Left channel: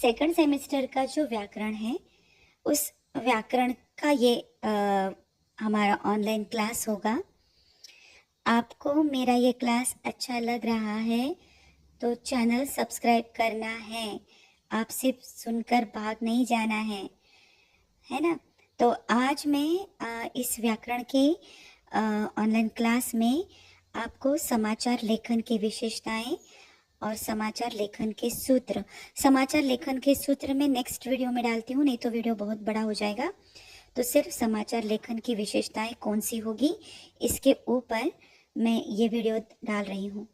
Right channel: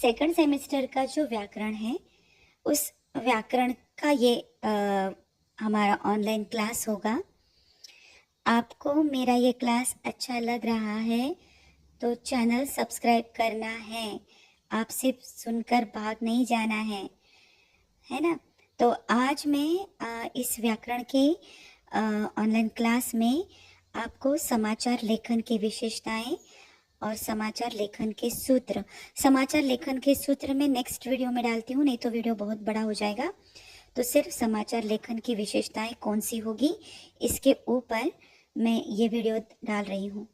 Second semester का जो व्याकरण है उस व्याकरण का ये हमारा ऑनलाइन क्लास होगा। आपको मेरा ये क्लास अच्छा लग रहा है तो चैनल सब्सक्राइब करना है। आप सिर्फ सुनकर भाग नहीं जाना है ना। तो आज मैं इस व्याकरण के ऑनलाइन क्लास में आपको समाचार लेखन की विशेषताएं और समाचार लेखन के सूत्र मैं नेक्स्ट वीडियो में डालती हूँ, नहीं तो वीडियो बहुत बड़ा हो जाएगा। तो सिर्फ समाचार लेखन की विशेषताएं कौन सी होगी इसके ऊपर मैं ये वीडियो डाल रही हूँ।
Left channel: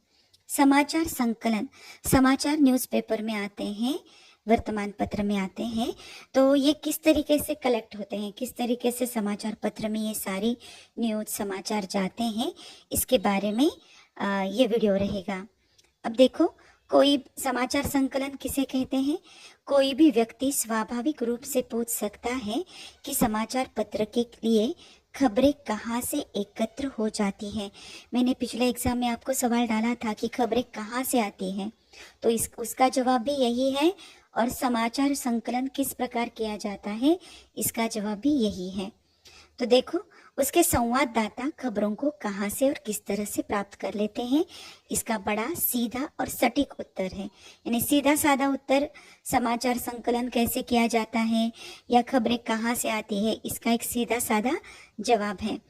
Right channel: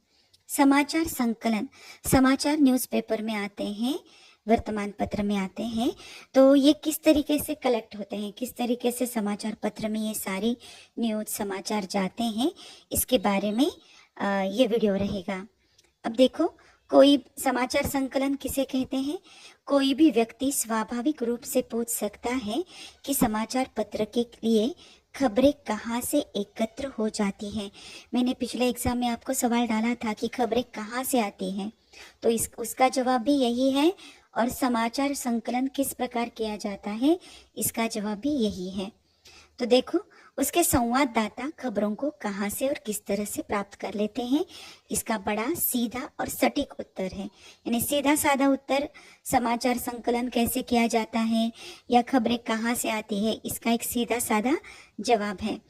समाचार संकलन, समाचार न्यूज़पेपर में आते हैं, वर्तमान पत्र में आते हैं, तो ये किस तरीके से कलेक्ट होते हैं, किस तरीके से समाचार पत्र में ये सारी न्यूज़ समाचार जाते हैं, इसके बारे में ये वीडियो रहेगा। अब देखो, कोई समाचार संकलन किसे कहते हैं? कोई भी व्यक्ति स्वाभाविक रूप से पूछ सकता है कि समाचार पत्र के लिए खबरें कहाँ से एकत्र हो जाती हैं। मैंने पिछले एग्जाम में आपको सवाल डाला था कि खबरें कहाँ से आती हैं, तो उसका जवाब भी यही है। और समाचार संकलन किस प्रकार किया जाता है, इसका जवाब भी यही है। तो देखो, उसके संवाददाता खबरों को कहाँ से और किस तरह से प्राप्त कर लेते हैं, इसका बड़ा सीधा और सटीक उत्तर है। यानी सीधा साधा उत्तर, समाचार संकलन कैसे किया जाता है या खबरें कहाँ से आती है, इसका एक सीधा साधा जवाब है।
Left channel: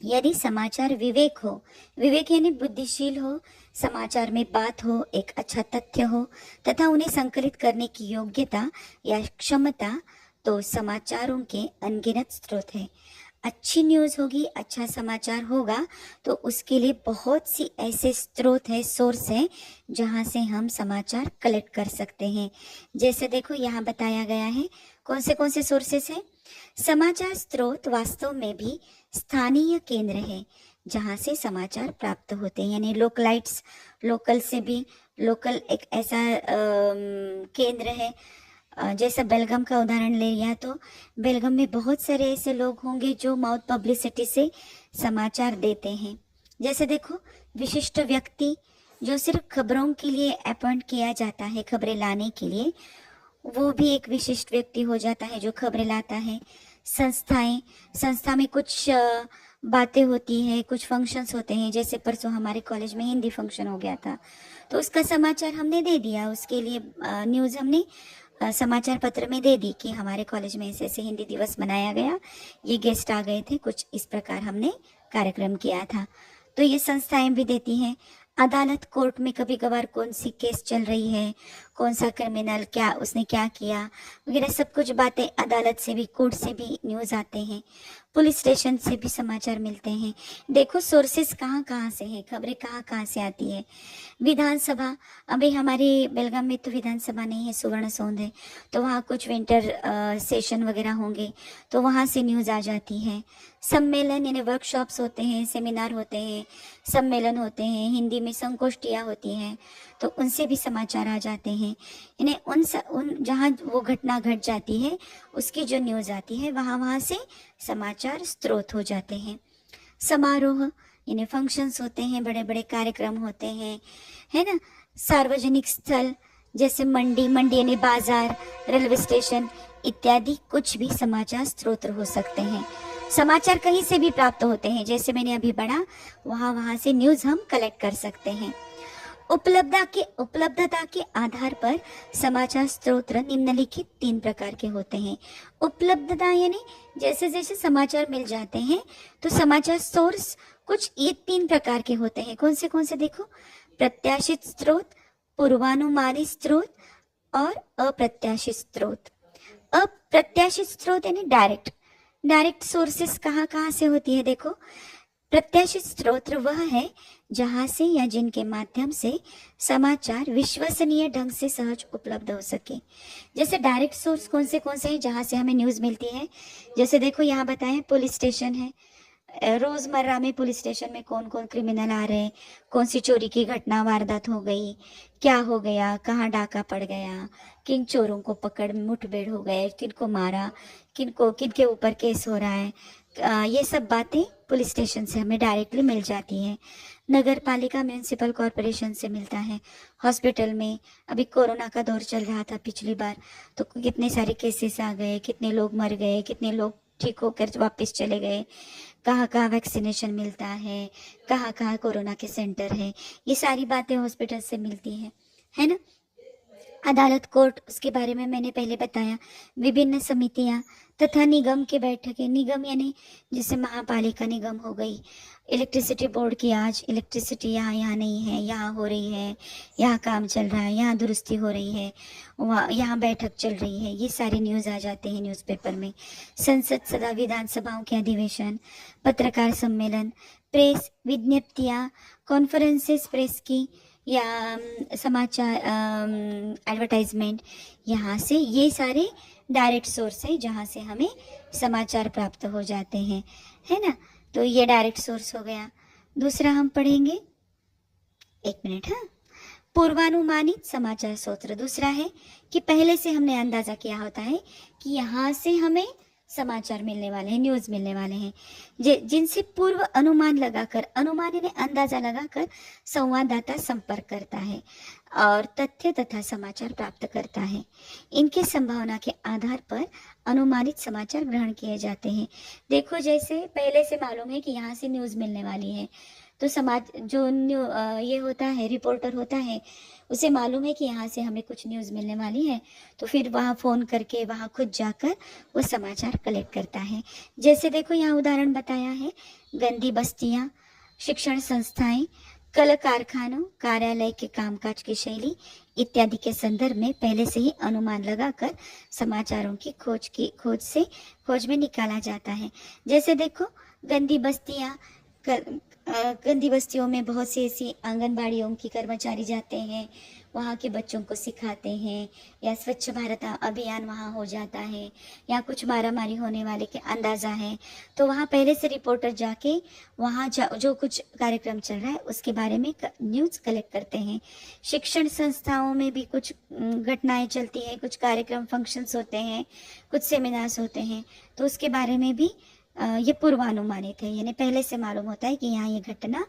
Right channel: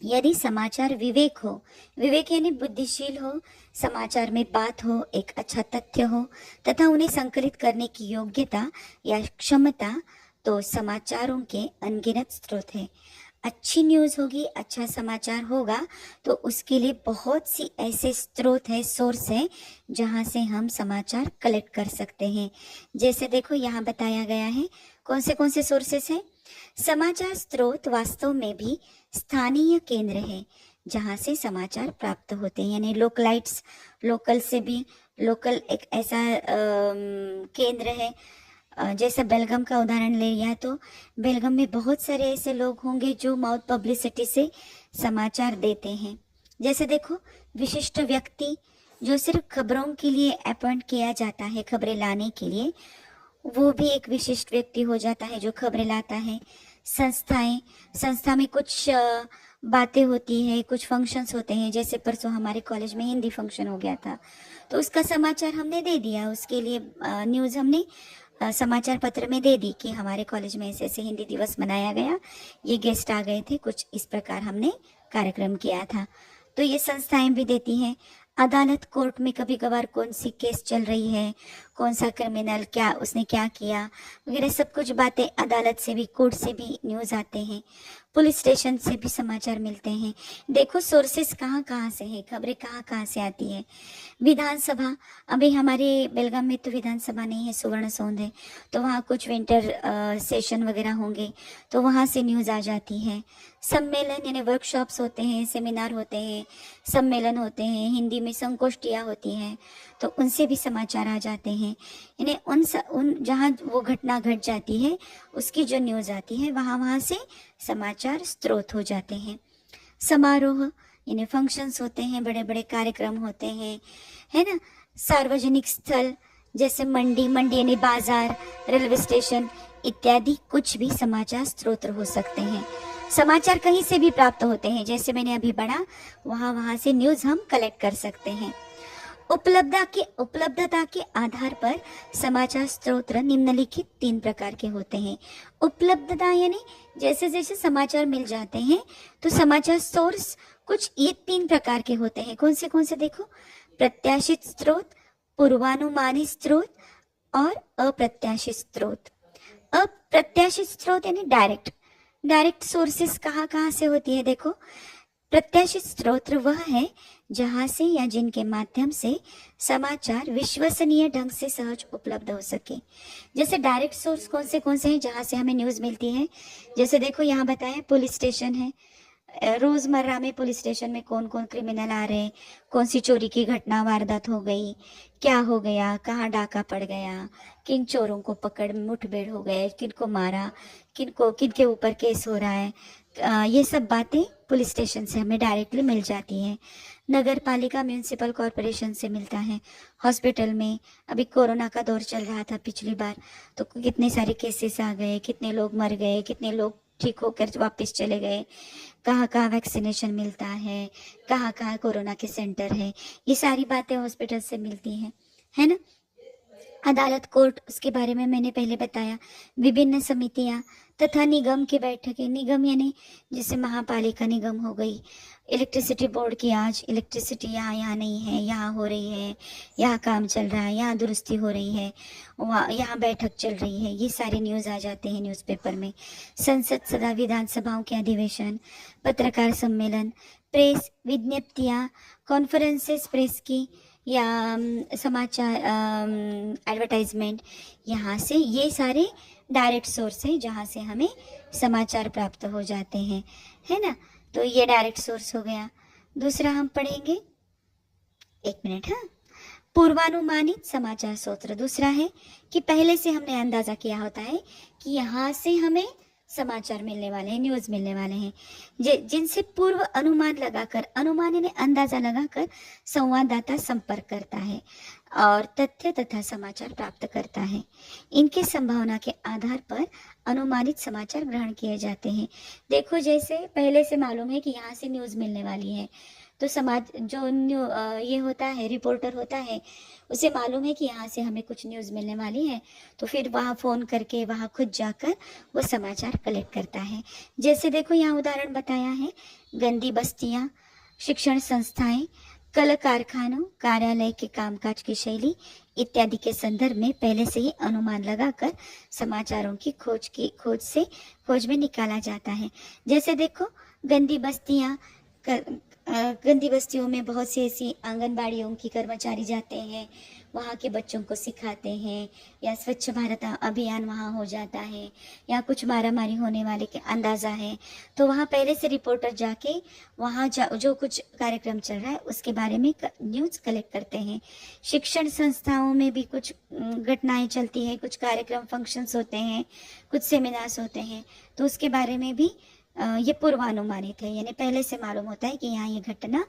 यदि समाचार विवेक हो, विवेक यानी बुद्धिशील हो, समाचार में बात हो, एक अच्छा तथ्य हो तथा उन्हें संकलित करने की योग्यता या क्षमता, तो समाचारों के अनगिनत स्रोत हैं। अच्छी न्यूज़ होगी, अच्छा समाचार होगा, तो उसके लिए बहुत सी ऐसे स्रोत है, सोर्स है, जहाँ से हम समाचार कलेक्ट कर सकते हैं। जैसे देखो, यहाँ बताया गया है कौन से सोर्सेस हैं। समाचार स्रोत वास्तव में भी स्थानीय केंद्र है जहाँ से समाचार प्राप्त होते हैं, यानी लोकलाइट्स, लोकल से भी लोकल एक ऐसा केंद्र है। जैसा बेलगाम का उदाहरण ले लिया तो बेलगाम में बहुत सारे ऐसे लोग होंगे जो माउथ पब्लिसिटी से समाचार देते हैं। जैसे देखो, विशिष्ट व्यक्ति जो सिर्फ खबरों के लिए अपॉइंट किया जाता है, खबरें लाने के लिए, वो भी एक विशिष्ट व्यक्ति हो जाता है जो खबरें लाता है। संस्था में कुछ बातें होती है, कुछ फंक्शंस होते हैं। जैसे परसों हमारे कॉलेज में हिंदी फंक्शन हो गया था, तो उसका समाचार हमने दे दिया, उसके लिए न्यूज़ हमने समाचार पत्र में दे दी कि हमारे कॉलेज में ऐसे ऐसे हिंदी दिवस मनाया गया, ये गेस्ट आ गए थे, कुछ इस प्रकार हमने कार्यक्रम किया था। तो ये संस्थाएं भी देती हैं। अदालत, कोर्ट में कभी कभार कौन सी केस चल रही है, कौन सा क्रिमिनल, क्या उसने क्या किया वगैरह, सब कुछ बातें अदालत से भी, कोर्ट से भी न्यूज़ आते हैं। पुलिस स्टेशन से भी समाचार मिलते हैं। देखो, सोर्सेस कहाँ कहाँ से है, खबरें कहाँ कहाँ से आती है। विधानसभा, अभी हमारे बेलगाम में तो विधानसभा नहीं है, सुवर्ण सौंध है, तो वहाँ कुछ विंटर सेशन वगैरह होंगे, तो वहाँ से न्यूज़ आ जाती है। सम्मेलन यानी वर्कशॉप्स होते हैं, सेमिनार होते हैं, सम्मेलन होते हैं, हिंदी में संगोष्ठियाँ होती हैं, तो उनसे भी समाचार आ जाते हैं। यानी उन जहाँ वो घटना घट जाती है उसकी जो न्यूज़ आती है, वहाँ से समाचार स्रोत हो जाते हैं। समारोह यानी फंक्शंस होते हैं, बड़े बड़े कार्यक्रम होते हैं, है ना। सार्वजनिक स्थल जैसे मंडी यानी बाजार, रेलवे स्टेशन इत्यादि कुछ भी समाचार स्रोत हो सकते हैं। समाचार कहीं से भी प्राप्त होते हैं, जैसे मैंने अभी पढ़ा, वहाँ से न्यूज़ हम कलेक्ट कर सकते हैं। उपलब्धता के आधार पर समाचार स्रोत निम्नलिखित 3 प्रकार के होते हैं। उपलब्धता यानी जैसे जैसे समाचार मिल जाते हैं तो समाचार सोर्स कुछ ये 3 प्रकार के होते हैं। कौन से देखो, प्रत्याशित स्रोत, पूर्वानुमानित स्रोत और अप्रत्याशित स्रोत। अप्रत्याशित स्रोत यानी डायरेक्ट सोर्सेस कहाँ कहाँ से होती है। देखो, प्रत्याशित स्रोत वह है जहां से या जिनके माध्यम से समाचार विश्वसनीय ढंग से सहज उपलब्ध हो सके। जैसे डायरेक्ट सोर्स कौन से हैं जहां से हमें न्यूज़ मिलती है। जैसे देखो, यहाँ बताया पुलिस स्टेशन है, रोजमर्रा में पुलिस स्टेशन में कौन कौन क्रिमिनल आ रहे हैं, कौन सी चोरी की घटना वारदात हो गई, क्या हो गया, कहाँ डाका पड़ गया, किन चोरों को पकड़ मुठभेड़ हो गए, किनको मारा, किनको किनके ऊपर केस हो रहा है, ये सब बातें पुलिस स्टेशन से हमें डायरेक्टली मिल जाती हैं। नगर पालिका म्यूनिसिपल कॉरपोरेशन से मिलता है। हॉस्पिटल में अभी कोरोना का दौर चल रहा था पिछली बार, तो कितने सारे केसेस आ गए, कितने लोग मर गए, कितने लोग ठीक होकर वापस चले गए, कहाँ कहाँ वैक्सीनेशन मिलता है कहाँ कोरोना के सेंटर है, ये सारी बातें हॉस्पिटल से मिलती हैं, है ना। अदालत कोर्ट, उसके बारे में मैंने पहले बताया। विभिन्न समितियां तथा निगम की बैठकें, निगम यानी जैसे महापालिका निगम हो गई, इलेक्ट्रिसिटी बोर्ड की आज इलेक्ट्रिसिटी यहाँ नहीं है, यहाँ हो रही है, यहाँ काम चल रहा है, यहाँ दुरुस्ती हो रही है, वहाँ यहाँ बैठक चल रही है, ये सारे न्यूज़ आ जाते हैं न्यूज़पेपर में। संसद सदा विधानसभाओं के अधिवेशन, पत्रकार सम्मेलन, प्रेस विज्ञप्तियाँ, कॉन्फ्रेंसेस प्रेस की या समाचार एडवर्टाइजमेंट, यहाँ से ये सारे डायरेक्ट सोर्स है जहाँ से हमें समाचार प्राप्त हो जाते हैं, है ना। तो ये डायरेक्ट सोर्स हो गया। दूसरा हम पढ़ेंगे, एक मिनट, हाँ, पूर्वानुमानित समाचार स्रोत। दूसरा है कि पहले से हमने अंदाजा किया होता है कि यहाँ से हमें समाचार मिलने वाले हैं, न्यूज़ मिलने वाले हैं, जिनसे पूर्व अनुमान लगाकर, अनुमान यानी अंदाजा लगाकर संवाददाता संपर्क करता है और तथ्य तथा समाचार प्राप्त करता है। इनके संभावना के आधार पर अनुमानित समाचार ग्रहण किए जाते हैं। देखो, जैसे पहले से मालूम है कि यहाँ से न्यूज़ मिलने वाली है, तो समाज जो ये होता है, रिपोर्टर होता है, उसे मालूम है कि यहाँ से हमें कुछ न्यूज़ मिलने वाली है, तो फिर वहाँ फ़ोन करके वहाँ खुद जाकर वो समाचार कलेक्ट करता है। जैसे देखो, यहाँ उदाहरण बताया है, गंदी बस्तियाँ, शिक्षण संस्थाएं, कल कारखानों, कार्यालय के कामकाज की शैली इत्यादि के संदर्भ में पहले से ही अनुमान लगाकर समाचारों की खोज में निकाला जाता है। जैसे देखो, गंदी बस्तियाँ, गंदी बस्तियों में बहुत सी ऐसी आंगनबाड़ियों की कर्मचारी जाते हैं, वहाँ के बच्चों को सिखाते हैं, या स्वच्छ भारत अभियान वहाँ हो जाता है, या कुछ मारामारी होने वाले के अंदाज़ा है, तो वहाँ पहले से रिपोर्टर जाके वहाँ जो कुछ कार्यक्रम चल रहा है उसके बारे में न्यूज़ कलेक्ट करते हैं। शिक्षण संस्थाओं में भी कुछ घटनाएं चलती हैं, कुछ कार्यक्रम फंक्शंस होते हैं, कुछ सेमिनार्स होते हैं, तो उसके बारे में भी ये पूर्वानुमानित है, यानी पहले से मालूम होता है कि यहाँ ये घटना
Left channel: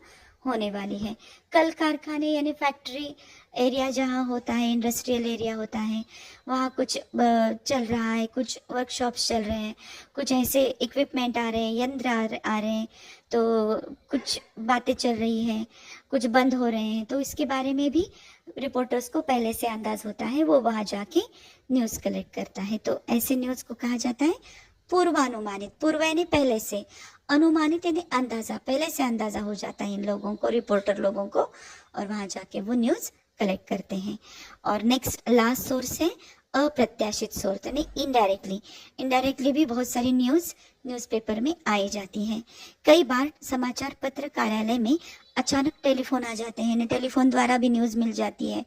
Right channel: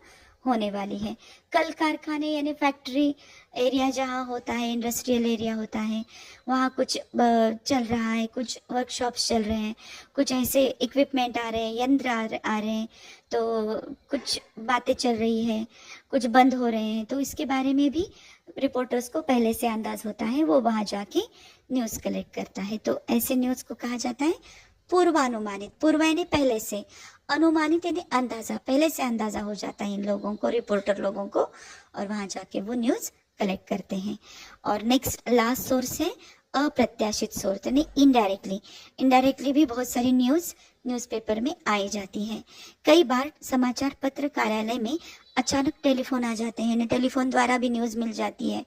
होने वाली है। कल कारखाने यानी फैक्ट्री एरिया जहाँ होता है, इंडस्ट्रियल एरिया होता है, वहाँ कुछ चल रहा है, कुछ वर्कशॉप्स चल रहे हैं, कुछ ऐसे इक्विपमेंट आ रहे हैं, यंत्र आ रहे हैं, तो कुछ बातें चल रही है, कुछ बंद हो रहे हैं, तो इसके बारे में भी रिपोर्टर्स को पहले से अंदाज होता है, वो वहाँ जाके न्यूज़ कलेक्ट करता है। तो ऐसे न्यूज़ को कहा जाता है पूर्वानुमानित। पूर्व यानी पहले से, अनुमानित यानी अंदाजा, पहले से अंदाजा हो जाता है इन लोगों को, रिपोर्टर लोगों को, और वहां जाके वो न्यूज़ कलेक्ट करते हैं। और नेक्स्ट लास्ट सोर्स है अप्रत्याशित सोर्स यानी इनडायरेक्टली। इनडायरेक्टली भी बहुत सारी न्यूज़पेपर में आई जाती है। कई बार समाचार पत्र कार्यालय में अचानक टेलीफोन आ जाते हैं, टेलीफोन द्वारा भी न्यूज़ मिल जाती है,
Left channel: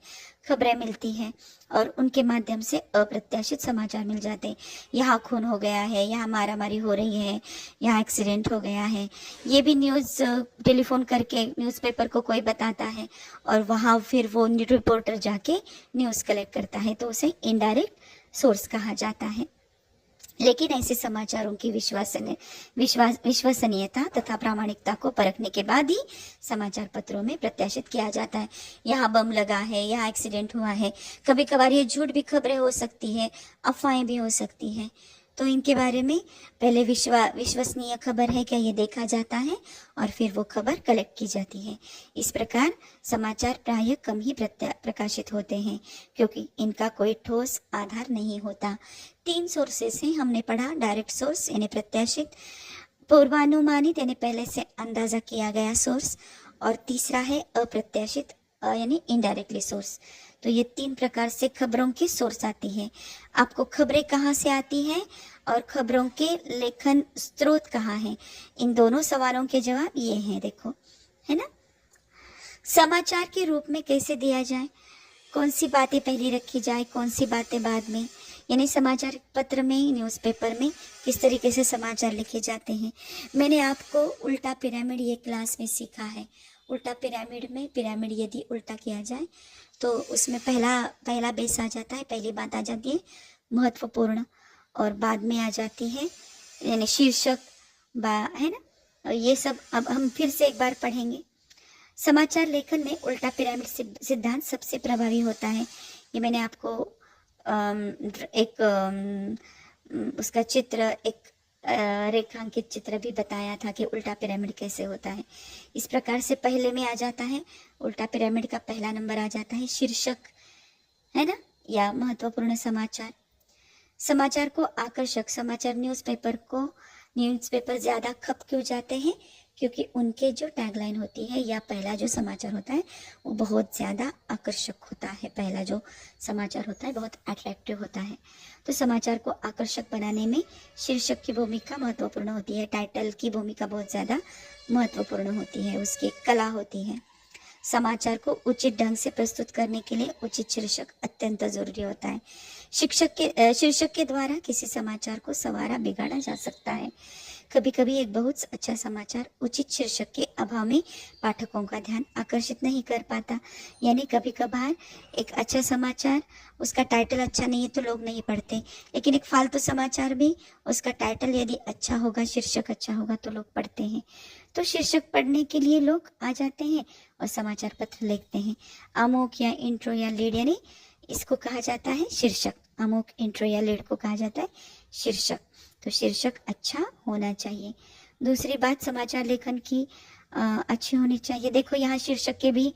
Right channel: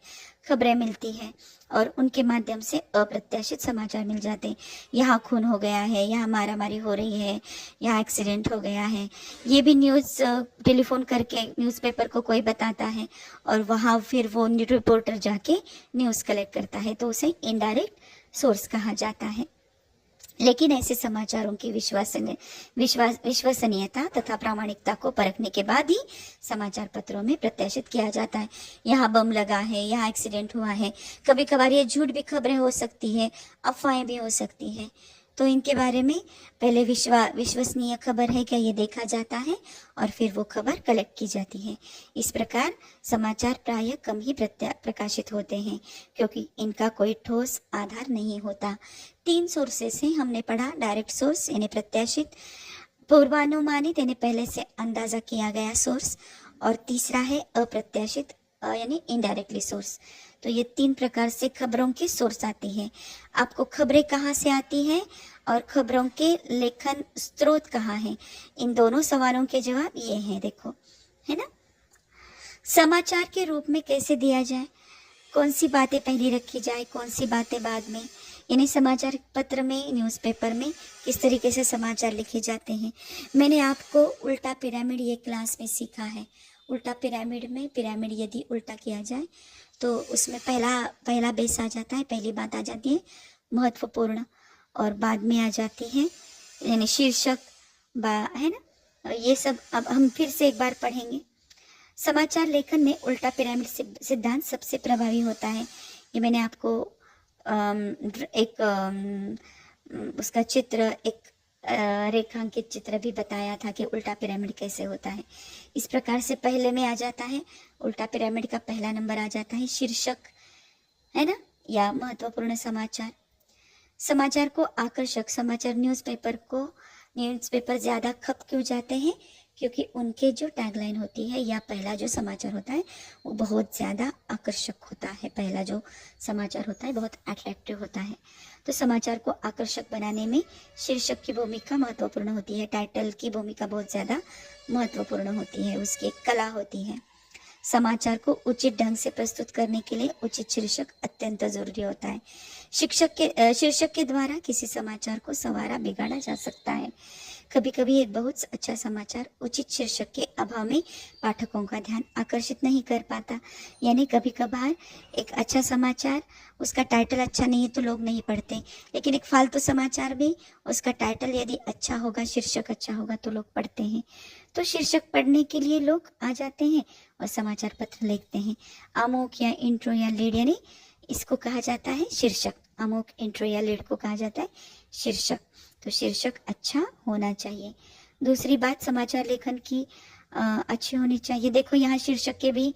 खबरें मिलती है, और उनके माध्यम से अप्रत्याशित समाचार मिल जाते हैं। यहाँ खून हो गया है, यहाँ मारामारी हो रही है, यहाँ एक्सीडेंट हो गया है, ये भी न्यूज़ टेलीफोन करके न्यूज़पेपर को कोई बताता है, और वहाँ फिर वो रिपोर्टर जाके न्यूज़ कलेक्ट करता है, तो उसे इनडायरेक्ट सोर्स कहा जाता है। लेकिन ऐसे समाचारों की विश्वसनीयता तथा प्रामाणिकता को परखने के बाद ही समाचार पत्रों में प्रत्याशित किया जाता है। यहाँ बम लगा है, यहाँ एक्सीडेंट हुआ है, कभी कभार ये झूठ भी खबरें हो सकती है, अफवाहें भी हो सकती हैं, तो इनके बारे में पहले विश्वसनीय खबर है क्या ये देखा जाता है, और फिर वो खबर कलेक्ट की जाती है। इस प्रकार समाचार प्रायः कम ही प्रकाशित होते हैं, क्योंकि इनका कोई ठोस आधार नहीं होता। 3 सोर्सेस हैं हमने पढ़ा, डायरेक्ट सोर्स यानी प्रत्याशित, पूर्वानुमानित यानी पहले से अंदाजा किया गया सोर्स, और तीसरा है अप्रत्याशित यानी इनडायरेक्टली सोर्स। तो ये 3 प्रकार से खबरों के सोर्स आती है। आपको खबरें कहाँ से आती है और खबरों के लेखन स्रोत कहाँ है, इन दोनों सवालों के जवाब ये हैं, देखो, है ना। समाचार के रूप में कैसे दिया जाए, कौन सी बातें पहले रखी जाए, कौन सी बातें बाद में, यानी समाचार पत्र में, न्यूज़पेपर में किस तरीके से समाचार लिखे जाते हैं। मैंने आपको उल्टा पिरामिड ये क्लास में सीखा है। उल्टा पिरामिड में पिरामिड यदि उल्टा किया जाए तो उसमें पहला बेस आ जाता है, पहली बात आ जाती है महत्वपूर्ण, और बाद में आ जाती है यानी शीर्षक है ना। और ये सब अब हम फिर से एक बार पढ़ेंगे। समाचार लेखन में उल्टा पिरामिड सिद्धांत सबसे प्रभावी होता है। ये मैंने आपको उसका चित्र, एक रेखांकित चित्र भी बताया था कि उल्टा पिरामिड कैसे होता है। इस प्रकार से पहले में आ जाता है, उल्टा पिरामिड का पहला नंबर आ जाता है शीर्षक, है ना, या महत्वपूर्ण समाचार। समाचार को आकर्षक समाचार न्यूज़पेपर ज़्यादा खप क्यों जाते हैं? क्योंकि उनके जो टैगलाइन होती है या पहला जो समाचार होता है वो बहुत ज़्यादा आकर्षक होता है। पहला जो समाचार होता है बहुत अट्रैक्टिव होता है। तो समाचार को आकर्षक बनाने में शीर्षक की भूमिका महत्वपूर्ण होती है, टाइटल की भूमिका बहुत ज़्यादा महत्वपूर्ण होती है, उसकी एक कला होती है। समाचार को उचित ढंग से प्रस्तुत करने के लिए उचित शीर्षक अत्यंत जरूरी होता है। शीर्षक के द्वारा किसी समाचार को संवारा बिगाड़ा जा सकता है। कभी कभी एक बहुत अच्छा समाचार उचित शीर्षक के अभाव में पाठकों का ध्यान आकर्षित नहीं कर पाता। यानी कभी कभार एक अच्छा समाचार, उसका टाइटल अच्छा नहीं है तो लोग नहीं पढ़ते, लेकिन एक फालतू समाचार भी उसका टाइटल यदि अच्छा होगा, शीर्षक अच्छा होगा तो लोग पढ़ते हैं। तो शीर्षक पढ़ने के लिए लोग आ जाते हैं और समाचार पत्र लिखते हैं। अमोक या इंट्रो या लीड, यानी इसको कहा जाता है शीर्षक। अमोक इंट्रो या लीड को कहा जाता है शीर्षक। तो शीर्षक अच्छा होना चाहिए। दूसरी बात समाचार लेखन की अच्छी होनी चाहिए। देखो यहाँ शीर्षक के भी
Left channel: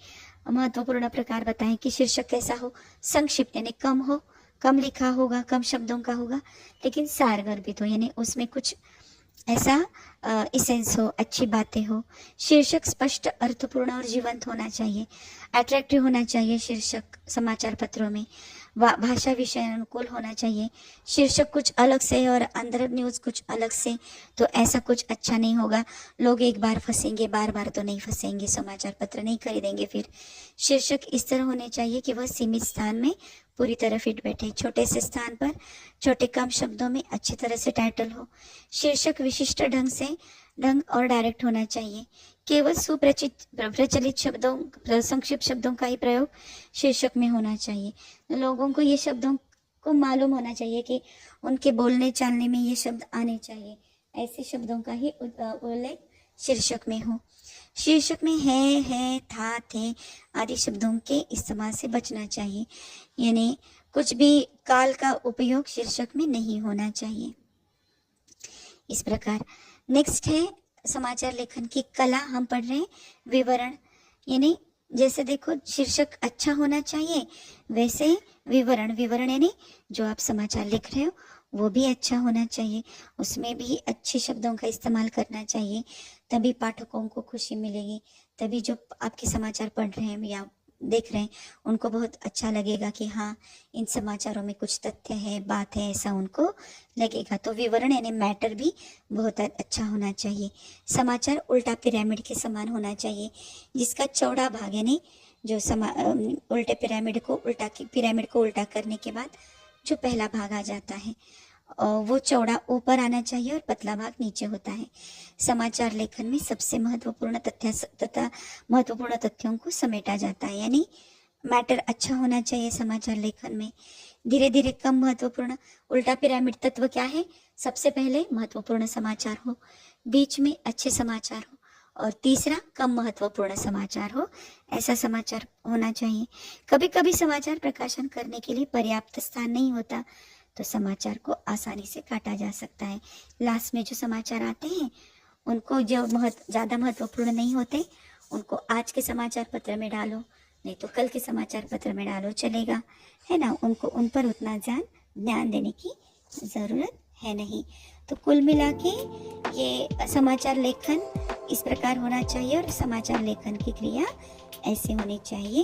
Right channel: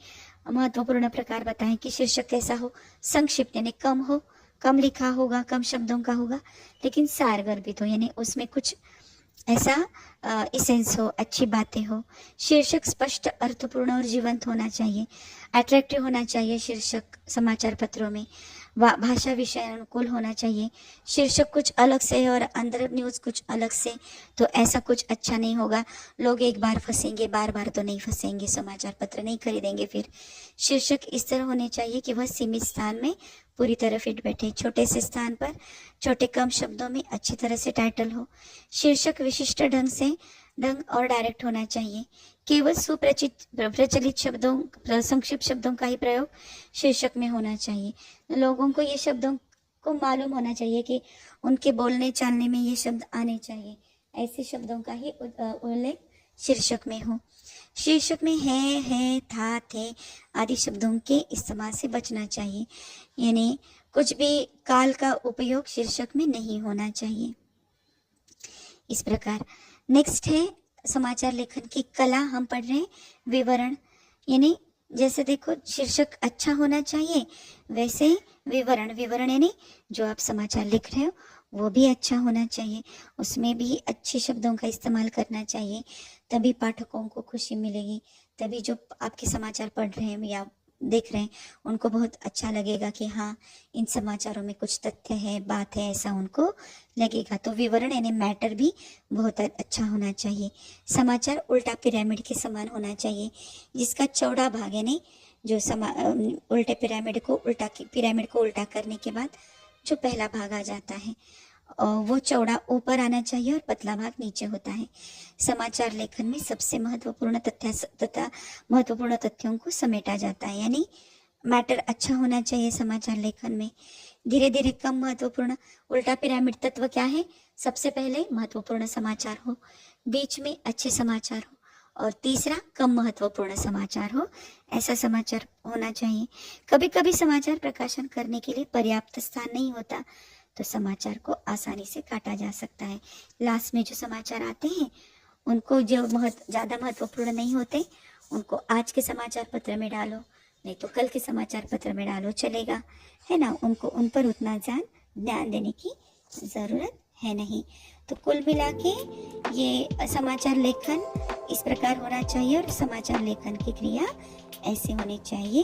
महत्वपूर्ण प्रकार बताएं कि शीर्षक कैसा हो, संक्षिप्त यानी कम हो, कम लिखा होगा, कम शब्दों का होगा, लेकिन सारगर्भित हो, यानी उसमें कुछ ऐसा इसेंस हो, अच्छी बातें हो। शीर्षक स्पष्ट, अर्थपूर्ण और जीवंत होना चाहिए, अट्रैक्टिव होना चाहिए। शीर्षक समाचार पत्रों में भाषा विषय अनुकूल होना चाहिए। शीर्षक कुछ अलग से और अंदर न्यूज़ कुछ अलग से, तो ऐसा कुछ अच्छा नहीं होगा। लोग एक बार फंसेंगे, बार बार तो नहीं फंसेंगे, समाचार पत्र नहीं खरीदेंगे फिर। शीर्षक इस तरह होने चाहिए कि वह सीमित स्थान में पूरी तरह फिट बैठे, छोटे से स्थान पर छोटे कम शब्दों में अच्छी तरह से टाइटल हो। शीर्षक विशिष्ट ढंग और डायरेक्ट होना चाहिए। केवल प्रचलित शब्दों, संक्षिप्त शब्दों का ही प्रयोग शीर्षक में होना चाहिए। लोगों को ये शब्दों को मालूम होना चाहिए कि उनके बोलने चालने में ये शब्द आने चाहिए, ऐसे शब्दों का ही उल्लेख शीर्षक में हो। शीर्षक में है, था, थे आदि शब्दों के इस्तेमाल से बचना चाहिए, यानी कुछ भी काल का उपयोग शीर्षक में नहीं होना चाहिए। इस प्रकार नेक्स्ट है समाचार लेखन की कला। हम पढ़ रहे हैं विवरण, यानी जैसे देखो शीर्षक अच्छा होना चाहिए, वैसे विवरण यानी जो आप समाचार लिख रहे हो वो भी अच्छा होना चाहिए, उसमें भी अच्छे शब्दों का इस्तेमाल करना चाहिए, तभी पाठकों को खुशी मिलेगी, तभी जो आपके समाचार पढ़ रहे हैं या देख रहे हैं उनको बहुत अच्छा लगेगा कि हाँ इन समाचारों में कुछ तथ्य है, बात है, ऐसा उनको लगेगा। तो विवरण यानी मैटर भी बहुत अच्छा होना चाहिए। समाचार उल्टा पिरामिड के समान होना चाहिए, जिसका चौड़ा भाग यानी जो उल्टे पिरामिड को उल्टा करने के बाद जो पहला भाग आ जाता है वो चौड़ा ऊपर आना चाहिए और पतला भाग नीचे होता है। समाचार लेखन में सबसे महत्वपूर्ण तथ्यों को समेटा जाता है, यानी मैटर अच्छा होना चाहिए समाचार लेखन में। धीरे धीरे कम महत्वपूर्ण, उल्टा पिरामिड तत्व क्या है? सबसे पहले महत्वपूर्ण समाचार हो, बीच में अच्छे समाचार हो और तीसरा कम महत्वपूर्ण समाचार हो, ऐसा समाचार होना चाहिए। कभी कभी समाचार प्रकाशन करने के लिए पर्याप्त स्थान नहीं होता, तो समाचार को आसानी से काटा जा सकता है। लास्ट में जो समाचार आते हैं उनको जो ज़्यादा महत्वपूर्ण नहीं होते उनको आज के समाचार पत्र में डालो, नहीं तो कल के समाचार पत्र में डालो, चलेगा, है ना। उनको उन पर उतना ध्यान देने की ज़रूरत है नहीं। तो कुल मिला के ये समाचार लेखन इस प्रकार होना चाहिए और समाचार लेखन की क्रिया ऐसे होनी चाहिए।